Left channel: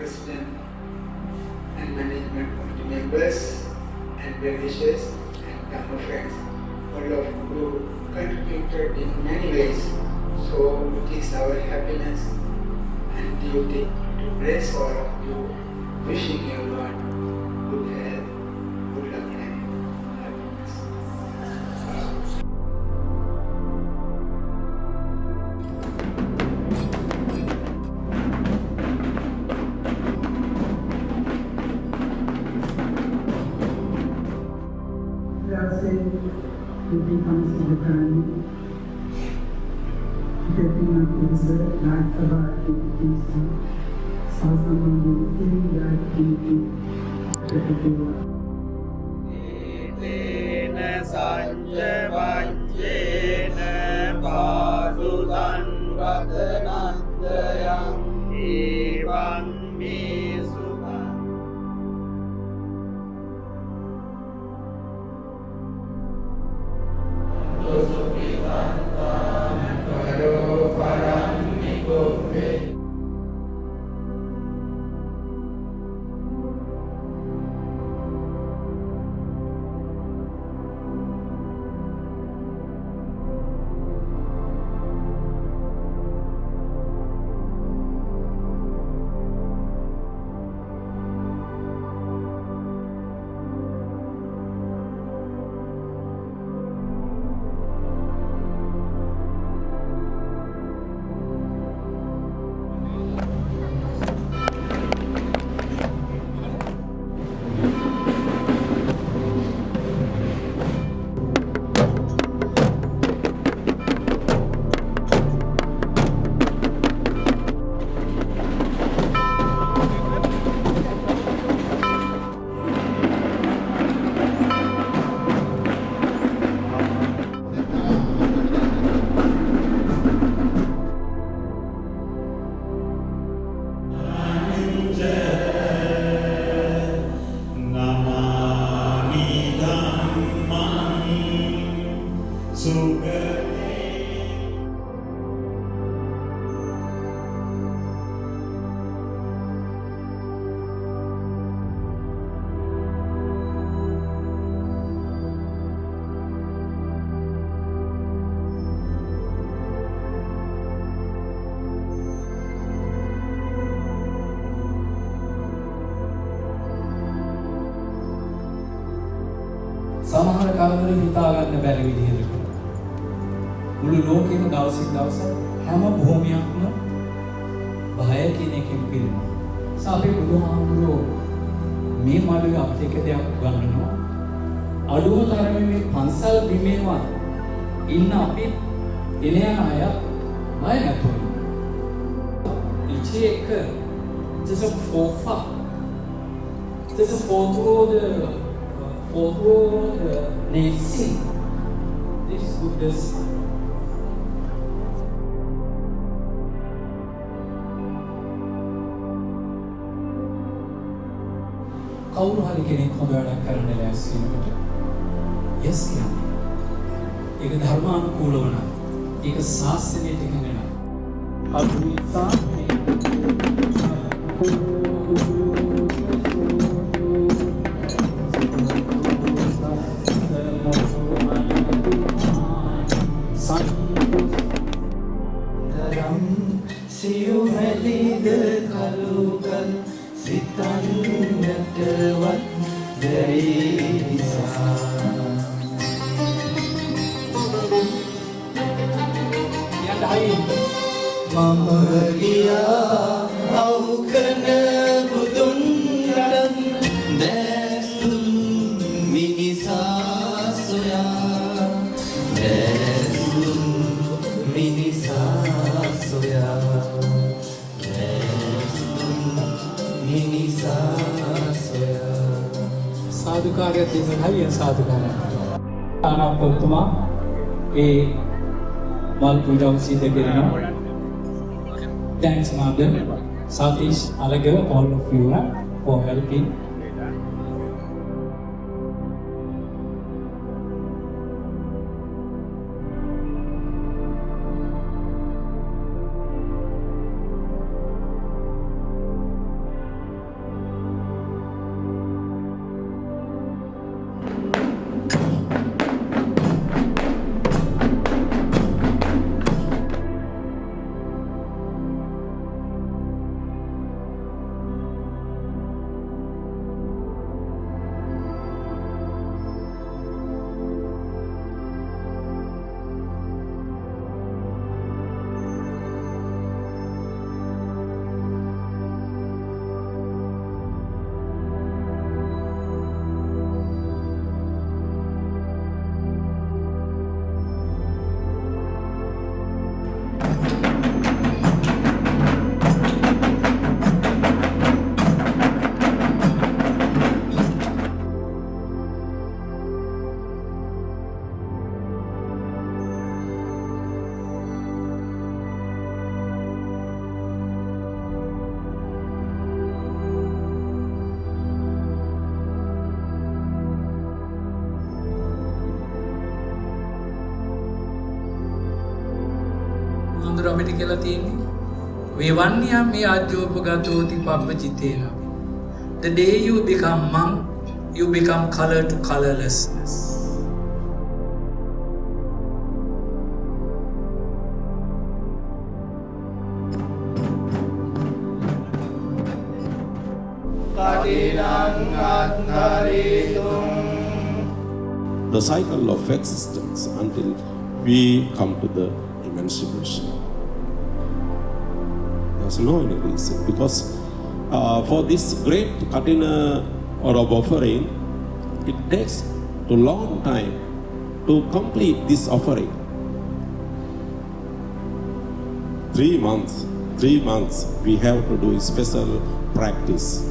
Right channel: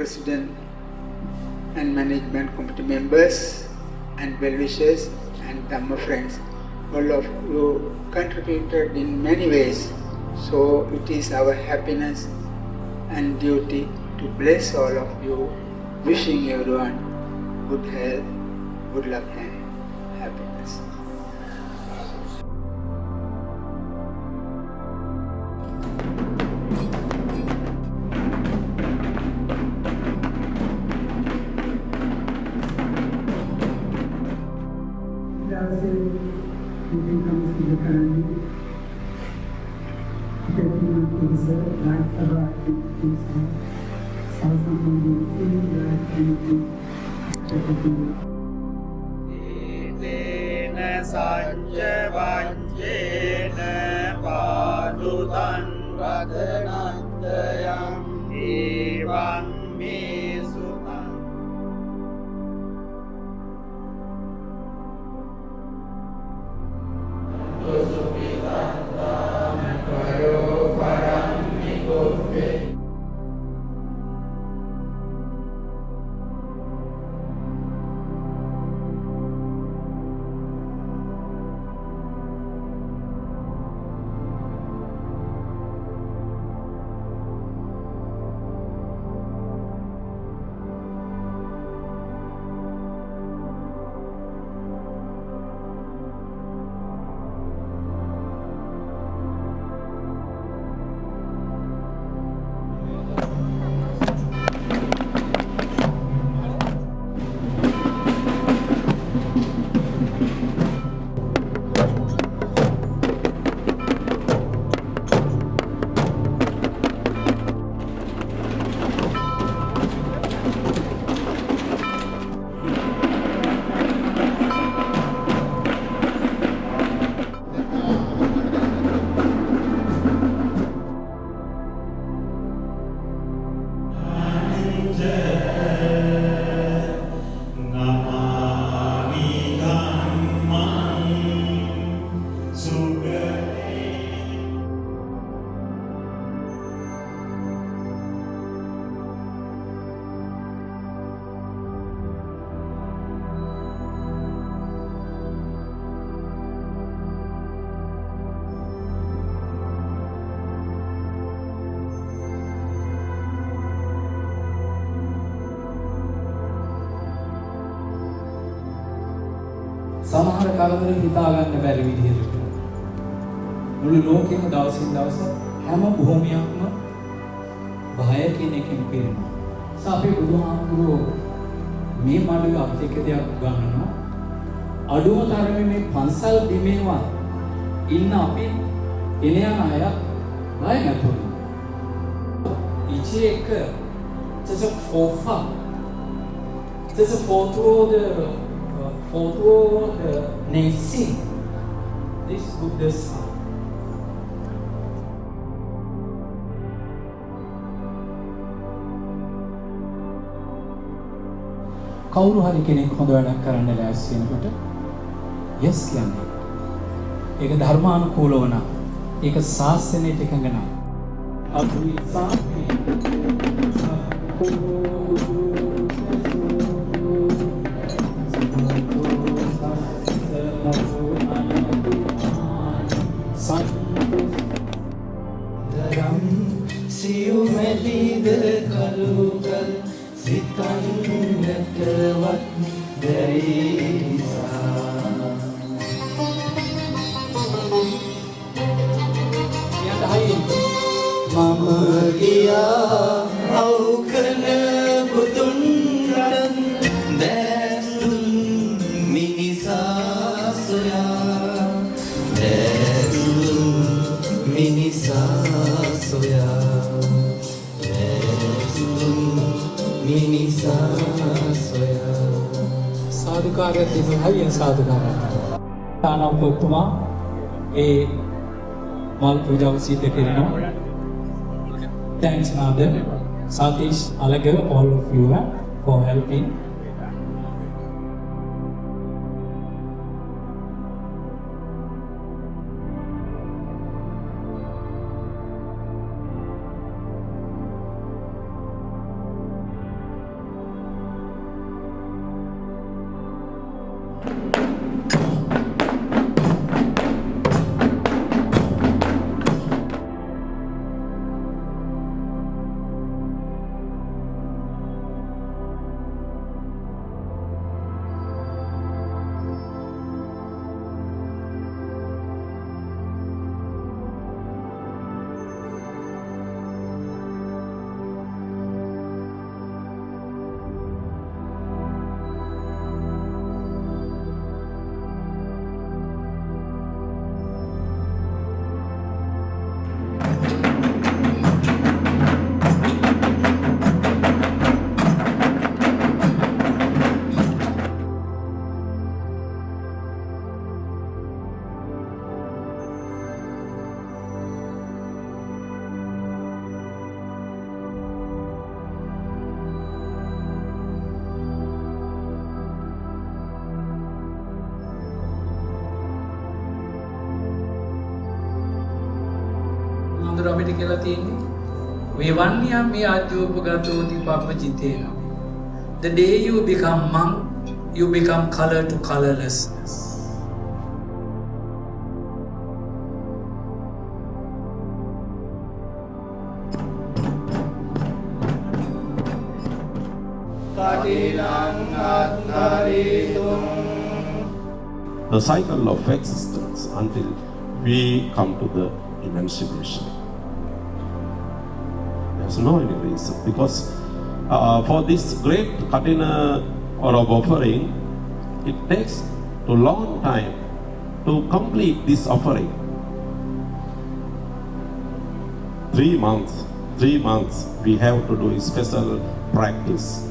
President and Management Committee members and well-wishers and Dhamma friends. All of you contributed in many ways. So it is our happiness and duty to bless all of you, wishing everyone good health, good luck and happiness. Meeting comes in the family. Getting up is like about things. So someone feeling that anything Itena sanja vanjena padutan ratanandayam evam me sutan. සමහර කලවල හිතා ගන්න බැරි විදිහට මුළු ලෝකෙම දවසින් දවස හැම භූමියක්ම භය කියන එකෙන් පිරෙනවා. අපේ බුදුහාමුදුරුවෝ මේ මඩුවේ අපිට එක දෙයක් උගන්වනවා. අඩුම තරමේ මේ පන්සල් බිමේවත් ඉන්න අපි එන යන අය බය නැතුව. ඉච්චේ එක just a fofa. Just a photo the nation. This Buddha's son. කවුරු හරි කෙනෙක් හොඳ වැඩක් කරන්න ලෑස්ති වෙනකොට yes කියන්නේ. ඒක ධර්මානුකූලව නම් ඒක ශාස්ත්‍රයට එකඟ නම් අභි සාමේ साधुकार्य दिखाइए साधुकार्य ताना पोतुमा ए मल पूजा सिद्ध करना thanks mother Satish Alaga all of you for helping. බුදුහාමුදුර අපිට කියලා තියෙන්නේ වේවන්නියම් මේ ආජ්ජෝපගතෝති පබ්බජිතේන. The day you become monk, you become color to colorlessness. The cycle of existence until we come to the emancipation. There's no any reason because for this great katina or of offering, it takes a long time to complete this offering. 3 months we have to do a special practice.